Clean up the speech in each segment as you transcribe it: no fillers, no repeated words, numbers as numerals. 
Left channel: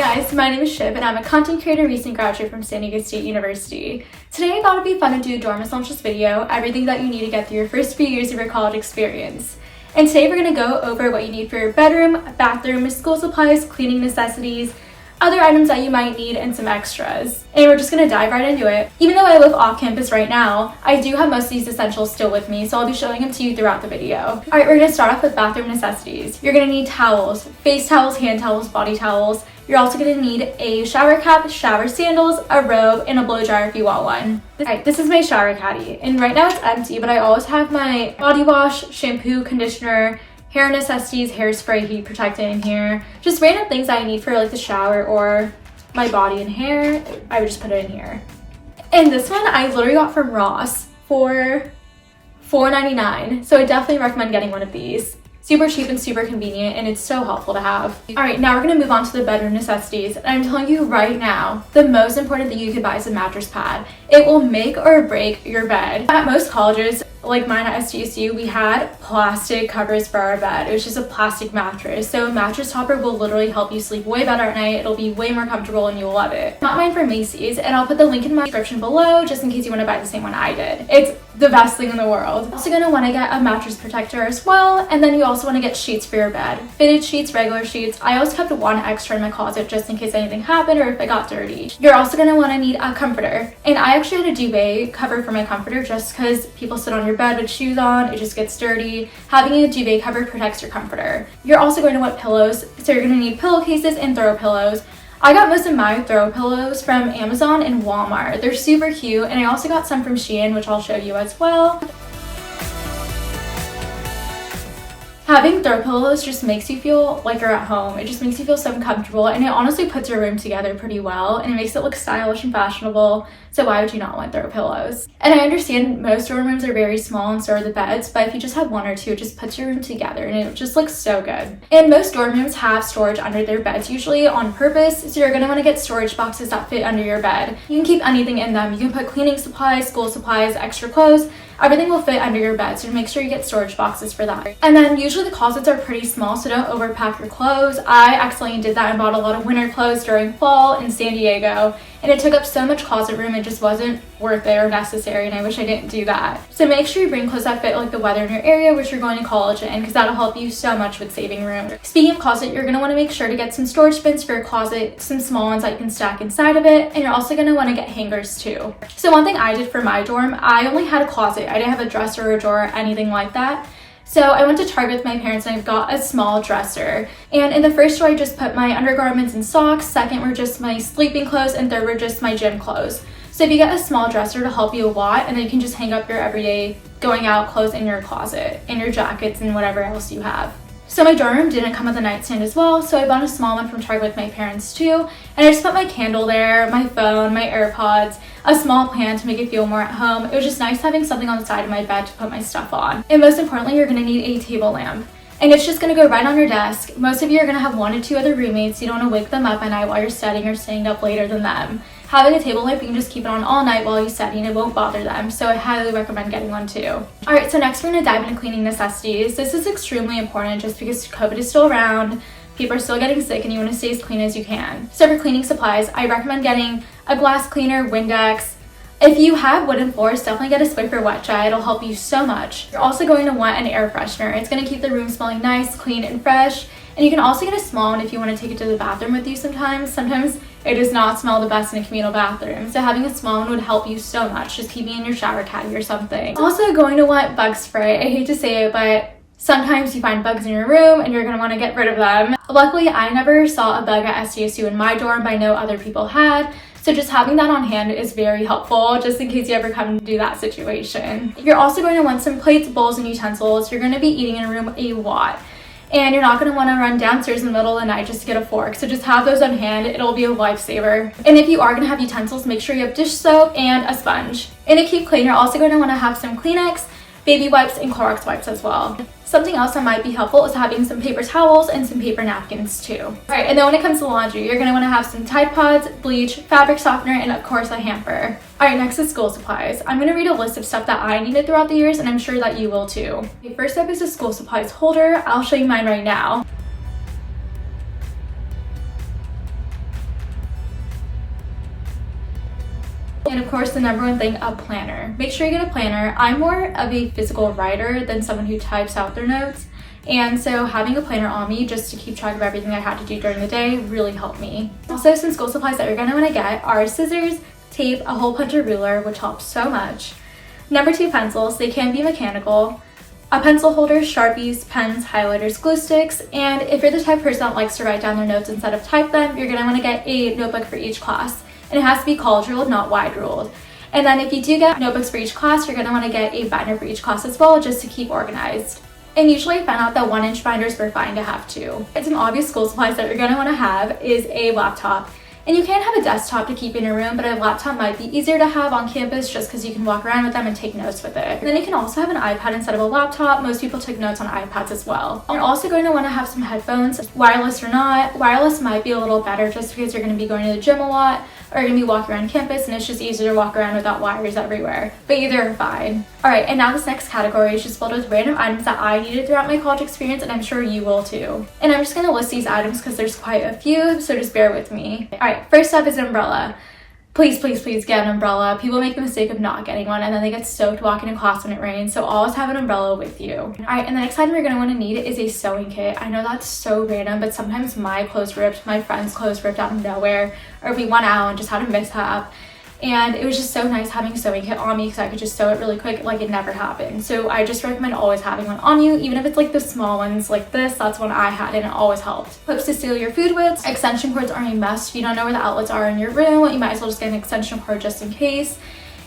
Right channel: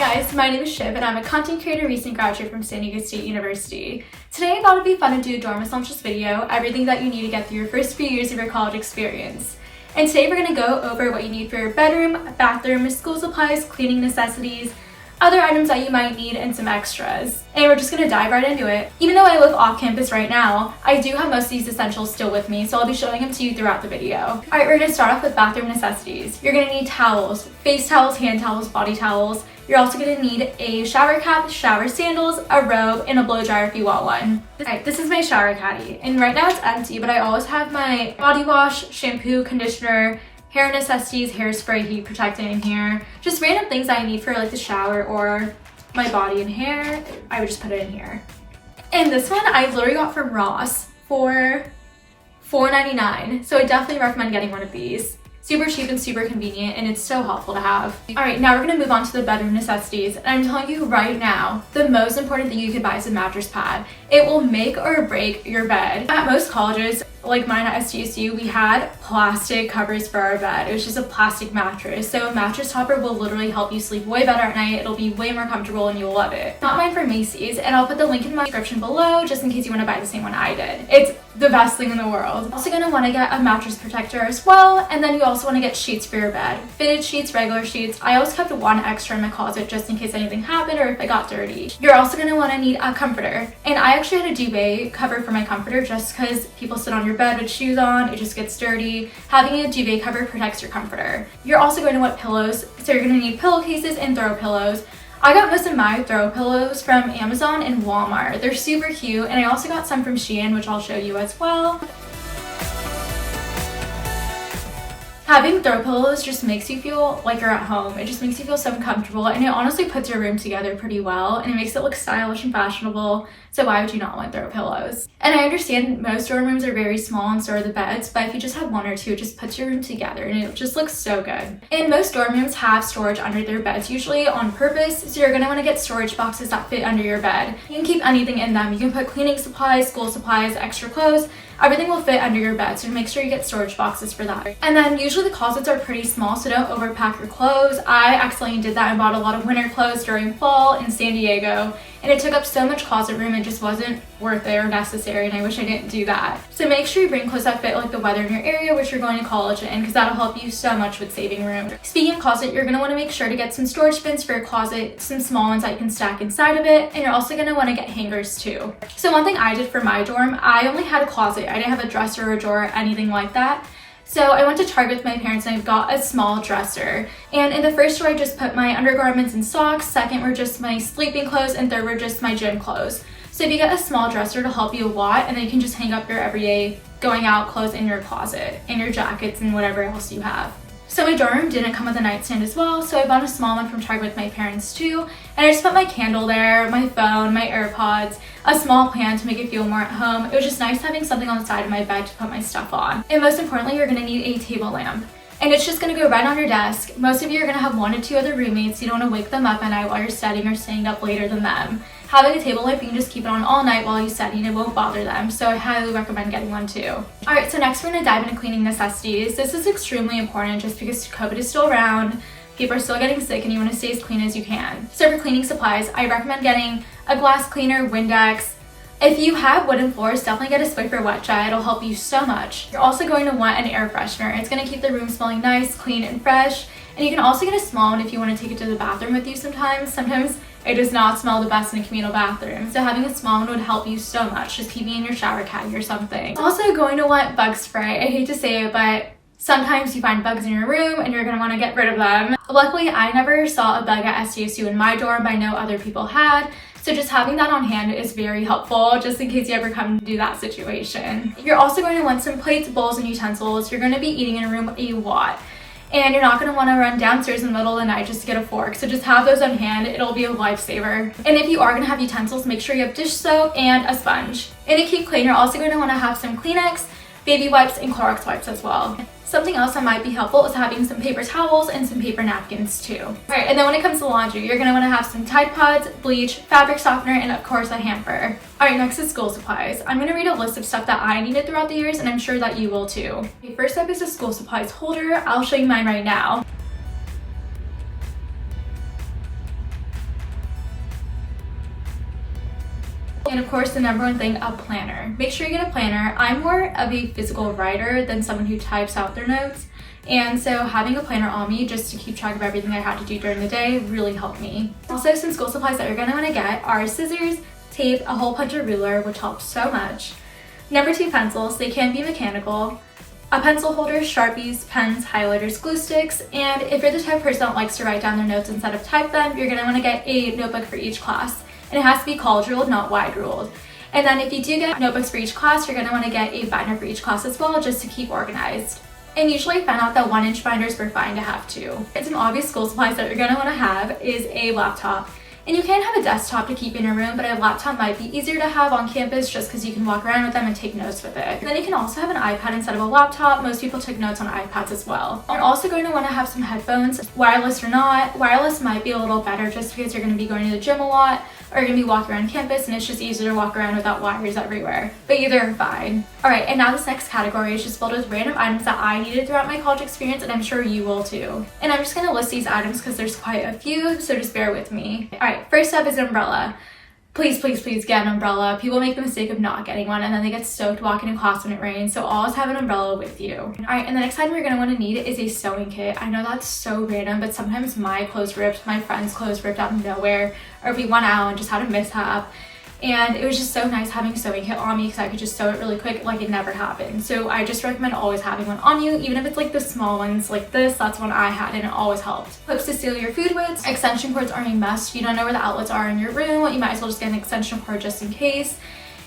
guys, my name is Shiv and I'm a content creator recent graduate from San Diego State University. Today I thought it'd be fun to do a dorm essentials video, everything that you need to get through your first few years of your college experience. And today we're going to go over what you need for your bedroom, bathroom, school supplies, cleaning necessities, other items that you might need, and some extras. And we're just going to dive right into it. Even though I live off campus right now, I do have most of these essentials still with me, so I'll be showing them to you throughout the video. Alright, we're going to start off with bathroom necessities. You're going to need towels, face towels, hand towels, body towels. You're also going to need a shower cap, shower sandals, a robe, and a blow dryer if you want one. Alright, this is my shower caddy, and right now it's empty, but I always have my body wash, shampoo, conditioner, hair necessities, hairspray, heat protectant in here. Just random things that I need for like the shower or my body and hair. I would just put it in here. And this one I literally got from Ross for $4.99. So I definitely recommend getting one of these. Super cheap and super convenient, and it's so helpful to have. Alright, now we're going to move on to the bedroom necessities. And I'm telling you right now, the most important thing you could buy is a mattress pad. It will make or break your bed. At most colleges, like mine at SDSU, we had plastic covers for our bed. It was just a plastic mattress. So a mattress topper will literally help you sleep way better at night. It'll be way more comfortable and you'll love it. Got mine from Macy's, and I'll put the link in my description below just in case you want to buy the same one I did. It's the best thing in the world. You're also going to want to get a mattress protector as well, and then you also want to get sheets for your bed. Fitted sheets, regular sheets. I always kept one extra in my closet just in case anything happened or if it got dirty. You're also going to want to need a comforter, and I actually had a duvet cover for my comforter just because people sit on your bed with shoes on, it just gets dirty. Having a duvet cover protects your comforter. You're also going to want pillows, so you're going to need pillowcases and throw pillows. I got most of my throw pillows from Amazon and Walmart. They're super cute, and I also got some from Shein, which I'll show you as well. Having throw pillows just makes you feel like you're at home. It just makes you feel so comfortable, and it honestly puts your room together pretty well, and it makes it look stylish and fashionable. So why would you not want throw pillows? And I understand most dorm rooms are very small and so are the beds, but if you just have one or two, it just puts your room together and it just looks so good. And most dorm rooms have storage under their beds, usually on purpose, so you're going to want to get storage boxes that fit under your bed. You can keep anything in them. You can put cleaning supplies, school supplies, extra clothes. Everything will fit under your bed, so make sure you get storage boxes for that. And then usually the closets are pretty small, so don't overpack your clothes. I accidentally did that and bought a lot of winter clothes during fall in San Diego, and it took up so much closet room, it just wasn't worth it or necessary, and I wish I didn't do that. So make sure you bring clothes that fit like the weather in your area, which you're going to college in, because that'll help you so much with saving room. Speaking of closet, you're going to want to make sure to get some storage bins for your closet, some small ones that you can stack inside of it, and you're also going to want to get hangers too. So one thing I did for my dorm, I only had a closet. I didn't have a dresser or a drawer, anything like that. So I went to Target with my parents and I got a small dresser. And in the first drawer, I just put my undergarments and socks. Second were just my sleeping clothes, and third were just my gym clothes. So if you get a small dresser to help you a lot, and then you can just hang up your everyday going out clothes in your closet and your jackets and whatever else you have. So my dorm room didn't come with a nightstand as well, so I bought a small one from Target with my parents too. And I just put my candle there, my phone, my AirPods, a small plant to make it feel more at home. It was just nice having something on the side of my bed to put my stuff on. And most importantly, you're gonna need a table lamp. And it's just gonna go right on your desk. Most of you are gonna have one or two other roommates. You don't wanna wake them up at night while you're studying or staying up later than them. Having a table lamp, you can just keep it on all night while you study and it won't bother them, so I highly recommend getting one too. Alright, so next we're going to dive into cleaning necessities. This is extremely important just because COVID is still around, people are still getting sick, and you want to stay as clean as you can. So for cleaning supplies, I recommend getting a glass cleaner, Windex. If you have wooden floors, definitely get a spray for wet dry. It'll help you so much. You're also going to want an air freshener. It's going to keep the room smelling nice, clean, and fresh. And you can also get a small one if you want to take it to the bathroom with you sometimes. Sometimes it does not smell the best in a communal bathroom. So having a small one would help you so much. Just keeping it in your shower caddy or something. Also going to want bug spray. I hate to say it, but sometimes you find bugs in your room and you're going to want to get rid of them. Luckily, I never saw a bug at SDSU in my dorm, but I know other people had. So just having that on hand is very helpful just in case you ever come to that situation. You're also going to want some plates, bowls, and utensils. You're going to be eating in a room a lot, and you're not going to want to run downstairs in the middle of the night just to get a fork. So just have those on hand. It'll be a lifesaver. And if you are going to have utensils, make sure you have dish soap and a sponge. And to keep clean, you're also going to want to have some Kleenex, baby wipes, and Clorox wipes as well. Something else that might be helpful is having some paper towels and some paper napkins too. Alright, and then when it comes to laundry, you're going to want to have some Tide Pods, bleach, fabric softener, and of course a hamper. Alright, next is school supplies. I'm going to read a list of stuff that I needed throughout the years, and I'm sure that you will too. The first step is a school supplies holder. I'll show you mine right now. And of course, the number one thing, a planner. Make sure you get a planner. I'm more of a physical writer than someone who types out their notes. And so having a planner on me just to keep track of everything I had to do during the day really helped me. Also, some school supplies that you're gonna wanna get are scissors, tape, a hole puncher ruler, which helps so much. Number 2, pencils. They can be mechanical. A pencil holder, Sharpies, pens, highlighters, glue sticks, and if you're the type of person that likes to write down their notes instead of type them, you're gonna wanna get a notebook for each class. And it has to be college ruled, not wide ruled. And then if you do get notebooks for each class, you're gonna wanna get a binder for each class as well, just to keep organized. And usually I found out that 1-inch binders were fine to have too. And some obvious school supplies that you're gonna wanna have is a laptop. And you can have a desktop to keep in your room, but a laptop might be easier to have on campus just because you can walk around with them and take notes with it. And then you can also have an iPad instead of a laptop. Most people take notes on iPads as well. You're also going to want to have some headphones, wireless or not. Wireless might be a little better just because you're going to be going to the gym a lot, or you're going to be walking around campus and it's just easier to walk around without wires everywhere. But either are fine. Alright, and now this next category is just filled with random items that I needed throughout my college experience, and I'm sure you will too. And I'm just going to list these items because there's quite a few, so just bear with me. Alright, first up is an umbrella. Please, please, please get an umbrella. People make the mistake of not getting one and then they get soaked walking to class when it rains, so always have an umbrella with you. Alright, and the next item you're going to want to need is a sewing kit. I know that's so random, but sometimes my clothes ripped, my friend's clothes ripped out of nowhere, or we went out and just had a mishap. And it was just so nice having a sewing kit on me because I could just sew it really quick like it never happened. So I just recommend always having one on you, even if it's like the small ones like this. That's one I had and it always helps. Clips to seal your food with. Extension cords are a must. If you don't know where the outlets are in your room, you might as well just get an extension cord just in case.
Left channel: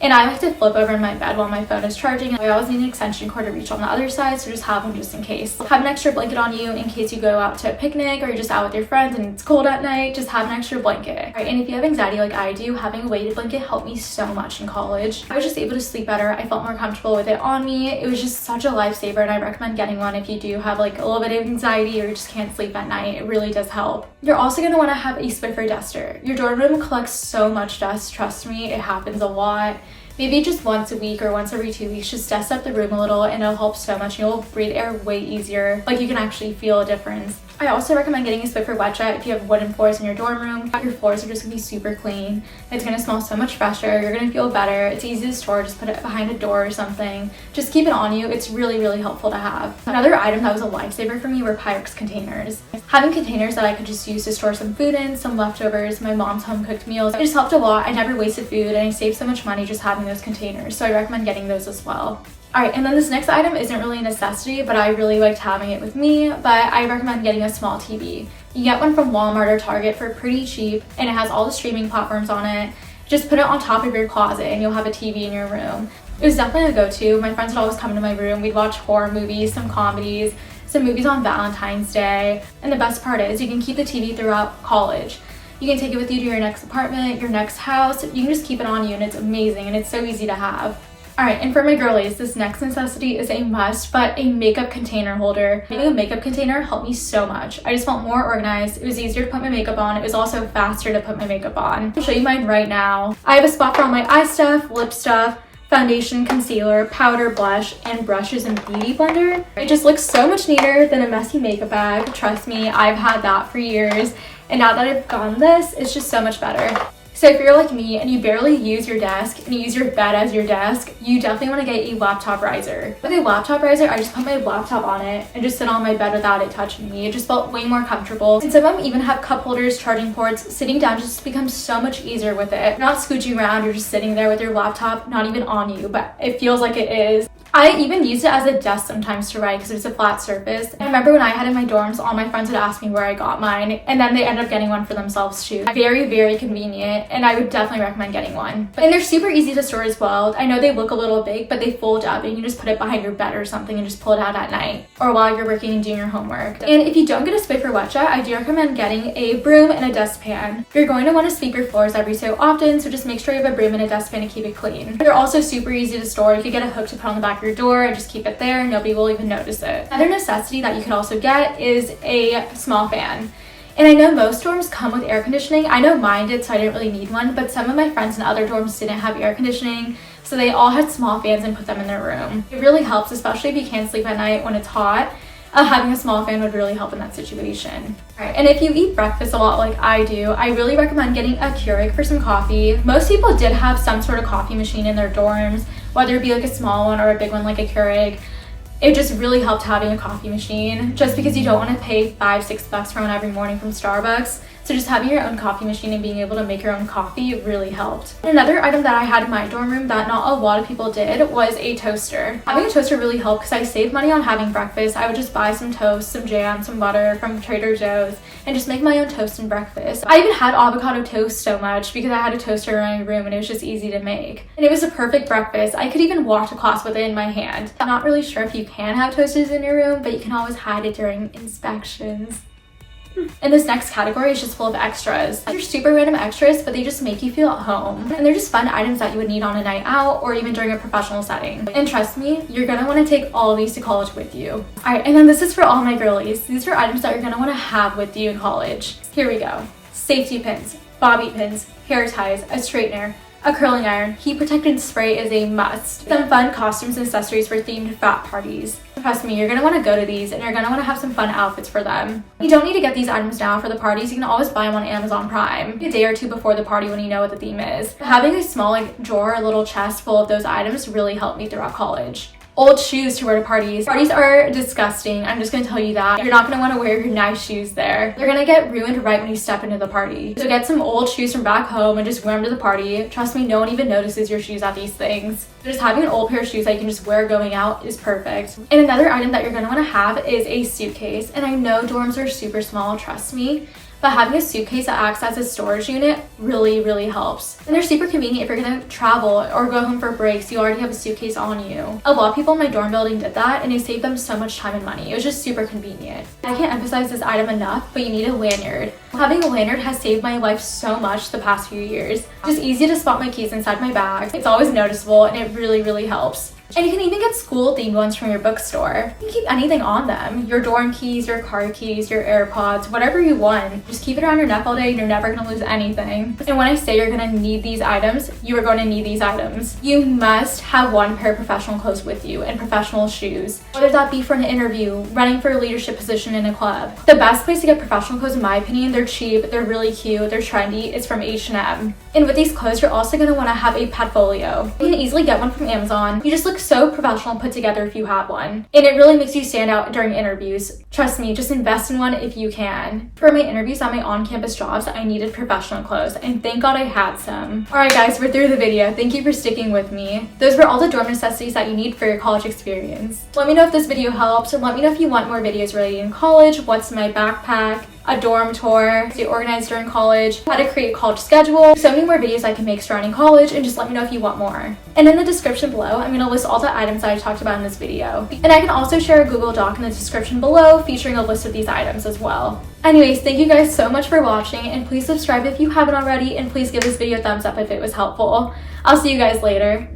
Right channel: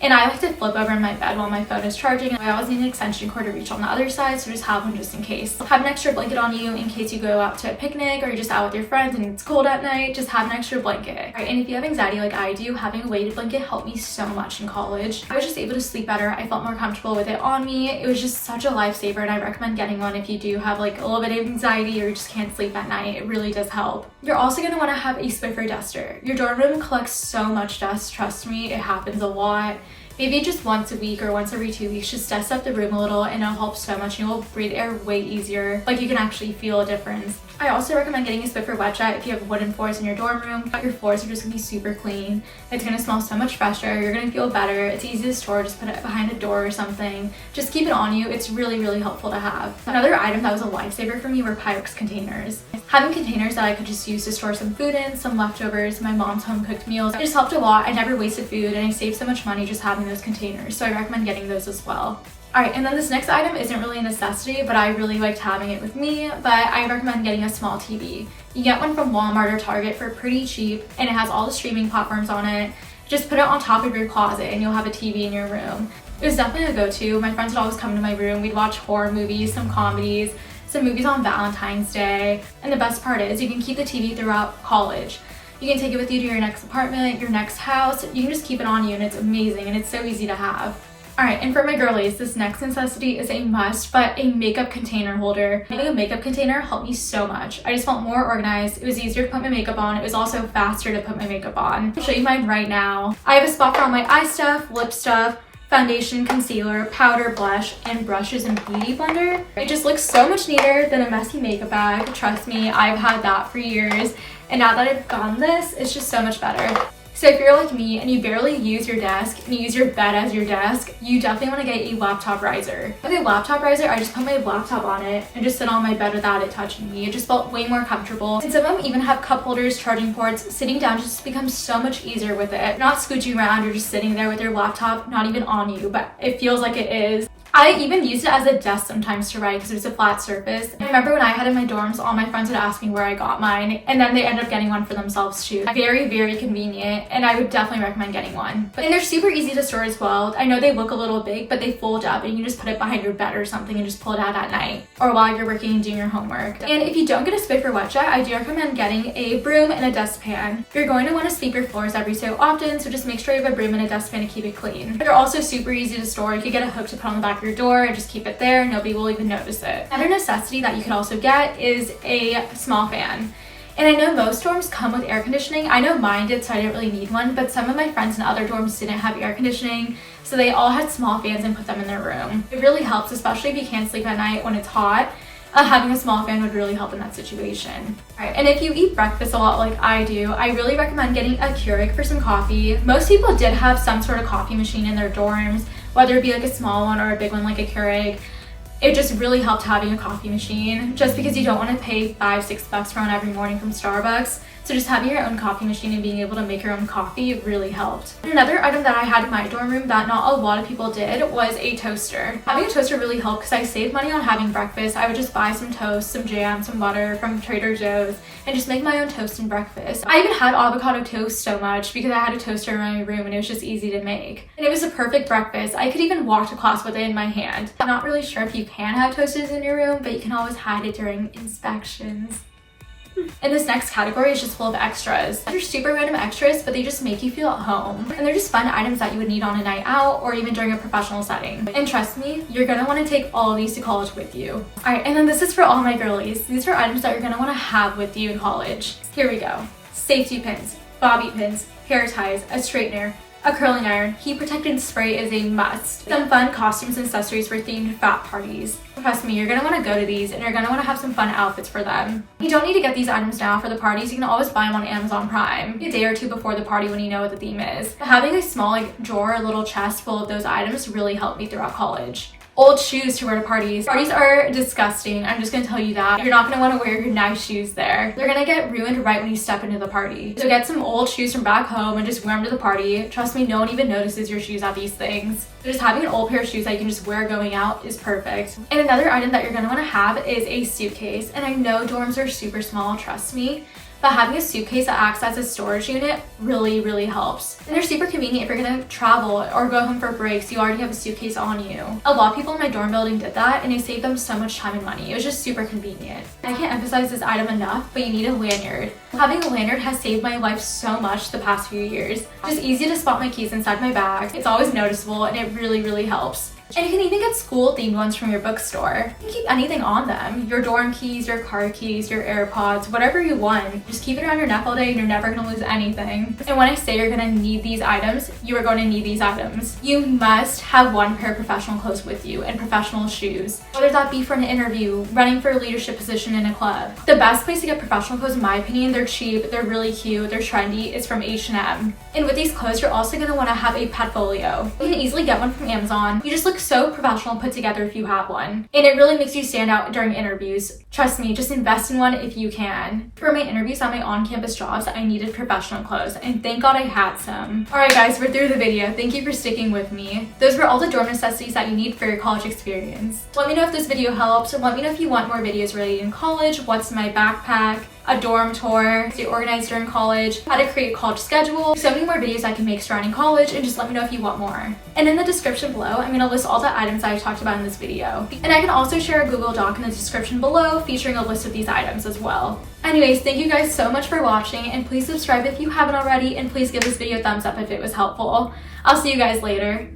And I like to flip over in my bed while my phone is charging. I always need an extension cord to reach on the other side, so just have one just in case. Have an extra blanket on you in case you go out to a picnic or you're just out with your friends and it's cold at night. Just have an extra blanket. Right, and if you have anxiety like I do, having a weighted blanket helped me so much in college. I was just able to sleep better. I felt more comfortable with it on me. It was just such a lifesaver, and I recommend getting one if you do have like a little bit of anxiety or you just can't sleep at night. It really does help. You're also going to want to have a Swiffer duster. Your dorm room collects so much dust. Trust me, it happens a lot. Maybe just once a week or once every 2 weeks, just dust up the room a little and it'll help so much. You'll breathe air way easier. Like you can actually feel a difference. I also recommend getting a Swiffer wet jet if you have wooden floors in your dorm room. Your floors are just gonna be super clean. It's gonna smell so much fresher. You're gonna feel better. It's easy to store. Just put it behind a door or something. Just keep it on you. It's really, really helpful to have. Another item that was a lifesaver for me were Pyrex containers. Having containers that I could just use to store some food in, some leftovers, my mom's home cooked meals. It just helped a lot. I never wasted food and I saved so much money just having those containers. So I recommend getting those as well. Alright, and then this next item isn't really a necessity, but I really liked having it with me, but I recommend getting a small TV. You get one from Walmart or Target for pretty cheap, and it has all the streaming platforms on it. Just put it on top of your closet and you'll have a TV in your room. It was definitely a go-to. My friends would always come to my room. We'd watch horror movies, some comedies, some movies on Valentine's Day, and the best part is you can keep the TV throughout college. You can take it with you to your next apartment, your next house. You can just keep it on you and it's amazing and it's so easy to have. Alright, and for my girlies, this next necessity is a must, but a makeup container holder. Having a makeup container helped me so much. I just felt more organized. It was easier to put my makeup on. It was also faster to put my makeup on. I'll show you mine right now. I have a spot for all my eye stuff, lip stuff, foundation, concealer, powder, blush, and brushes and beauty blender. It just looks so much neater than a messy makeup bag. Trust me, I've had that for years. And now that I've gotten this, it's just so much better. So if you're like me and you barely use your desk and you use your bed as your desk, you definitely want to get a laptop riser. With a laptop riser, I just put my laptop on it and just sit on my bed without it touching me. It just felt way more comfortable. And some of them even have cup holders, charging ports. Sitting down just becomes so much easier with it. You're not scooching around, you're just sitting there with your laptop, not even on you, but it feels like it is. I even used it as a desk sometimes to write because it was a flat surface. I remember when I had it in my dorms, all my friends would ask me where I got mine, and then they ended up getting one for themselves too. Very, very convenient, and I would definitely recommend getting one. And they're super easy to store as well. I know they look a little big, but they fold up and you can just put it behind your bed or something and just pull it out at night or while you're working and doing your homework. And if you don't get a Spay wet jet, I do recommend getting a broom and a dustpan. You're going to want to sweep your floors every so often, so just make sure you have a broom and a dustpan to keep it clean. They're also super easy to store. You could get a hook to put on the back of your door and just keep it there. Nobody will even notice it. Another necessity that you can also get is a small fan. And I know most dorms come with air conditioning. I know mine did, so I didn't really need one, but some of my friends in other dorms didn't have air conditioning, so they all had small fans and put them in their room. It really helps, especially if you can't sleep at night when it's hot. Having a small fan would really help in that situation. Alright, and if you eat breakfast a lot like I do, I really recommend getting a Keurig for some coffee. Most people did have some sort of coffee machine in their dorms, whether it be like a small one or a big one like a Keurig. It just really helped having a coffee machine, just because you don't want to pay $5-6 for one every morning from Starbucks. So just having your own coffee machine and being able to make your own coffee really helped. Another item that I had in my dorm room that not a lot of people did was a toaster. Having a toaster really helped because I saved money on having breakfast. I would just buy some toast, some jam, some butter from Trader Joe's and just make my own toast and breakfast. I even had avocado toast so much because I had a toaster in my room and it was just easy to make. And it was a perfect breakfast. I could even walk to class with it in my hand. I'm not really sure if you can have toasters in your room, but you can always hide it during inspections. And this next category is just full of extras. They're super random extras, but they just make you feel at home. And they're just fun items that you would need on a night out or even during a professional setting. And trust me, you're gonna want to take all of these to college with you. Alright, and then this is for all my girlies. These are items that you're gonna want to have with you in college. Here we go. Safety pins, bobby pins, hair ties, a straightener, a curling iron, heat protectant spray is a must. Some fun costumes and accessories for themed frat parties. Trust me, you're going to want to go to these and you're going to want to have some fun outfits for them. You don't need to get these items now for the parties. You can always buy them on Amazon Prime a day or two before the party when you know what the theme is. Having a small drawer or little chest full of those items really helped me throughout college. Old shoes to wear to parties. Parties are disgusting. I'm just gonna tell you that. You're not gonna wanna wear your nice shoes there. They're gonna get ruined right when you step into the party. So get some old shoes from back home and just wear them to the party. Trust me, no one even notices your shoes at these things. Just having an old pair of shoes that you can just wear going out is perfect. And another item that you're gonna wanna have is a suitcase. And I know dorms are super small, trust me. But having a suitcase that acts as a storage unit really helps. And they're super convenient if you're gonna travel or go home for breaks, you already have a suitcase on you. A lot of people in my dorm building did that and it saved them so much time and money. It was just super convenient. I can't emphasize this item enough, but you need a lanyard. Having a lanyard has saved my life so much the past few years. It's just easy to spot my keys inside my bag. It's always noticeable and it really helps. And you can even get school-themed ones from your bookstore. You can keep anything on them. Your dorm keys, your car keys, your AirPods, whatever you want. Just keep it around your neck all day and you're never gonna lose anything. And when I say you're gonna need these items, you are going to need these items. You must have one pair of professional clothes with you and professional shoes. Whether that be for an interview, running for a leadership position in a club. The best place to get professional clothes, in my opinion, they're cheap, they're really cute, they're trendy, is from H&M. And with these clothes, you're also gonna wanna have a portfolio. You can easily get one from Amazon. You just look so professional and put together if you have one. And it really makes you stand out during interviews. Trust me, just invest in one if you can. For my interviews at my on-campus jobs, I needed professional clothes, and thank God I had some. Alright guys, we're through the video. Thank you for sticking with me. Those were all the dorm necessities that you need for your college experience. Let me know if this video helps, and let me know if you want more videos related in college, what's in my backpack, a dorm tour, stay organized during college, how to create a college schedule, so many more videos I can make surrounding college, and just let me know if you want more. And in the description below, I'm going to list all the items that I talked about in this video. And I can also share a Google Doc in the description below featuring a list of these items as well. Anyways, thank you guys so much for watching, and please subscribe if you haven't already, and please give this video a thumbs up if it was helpful. I'll see you guys later.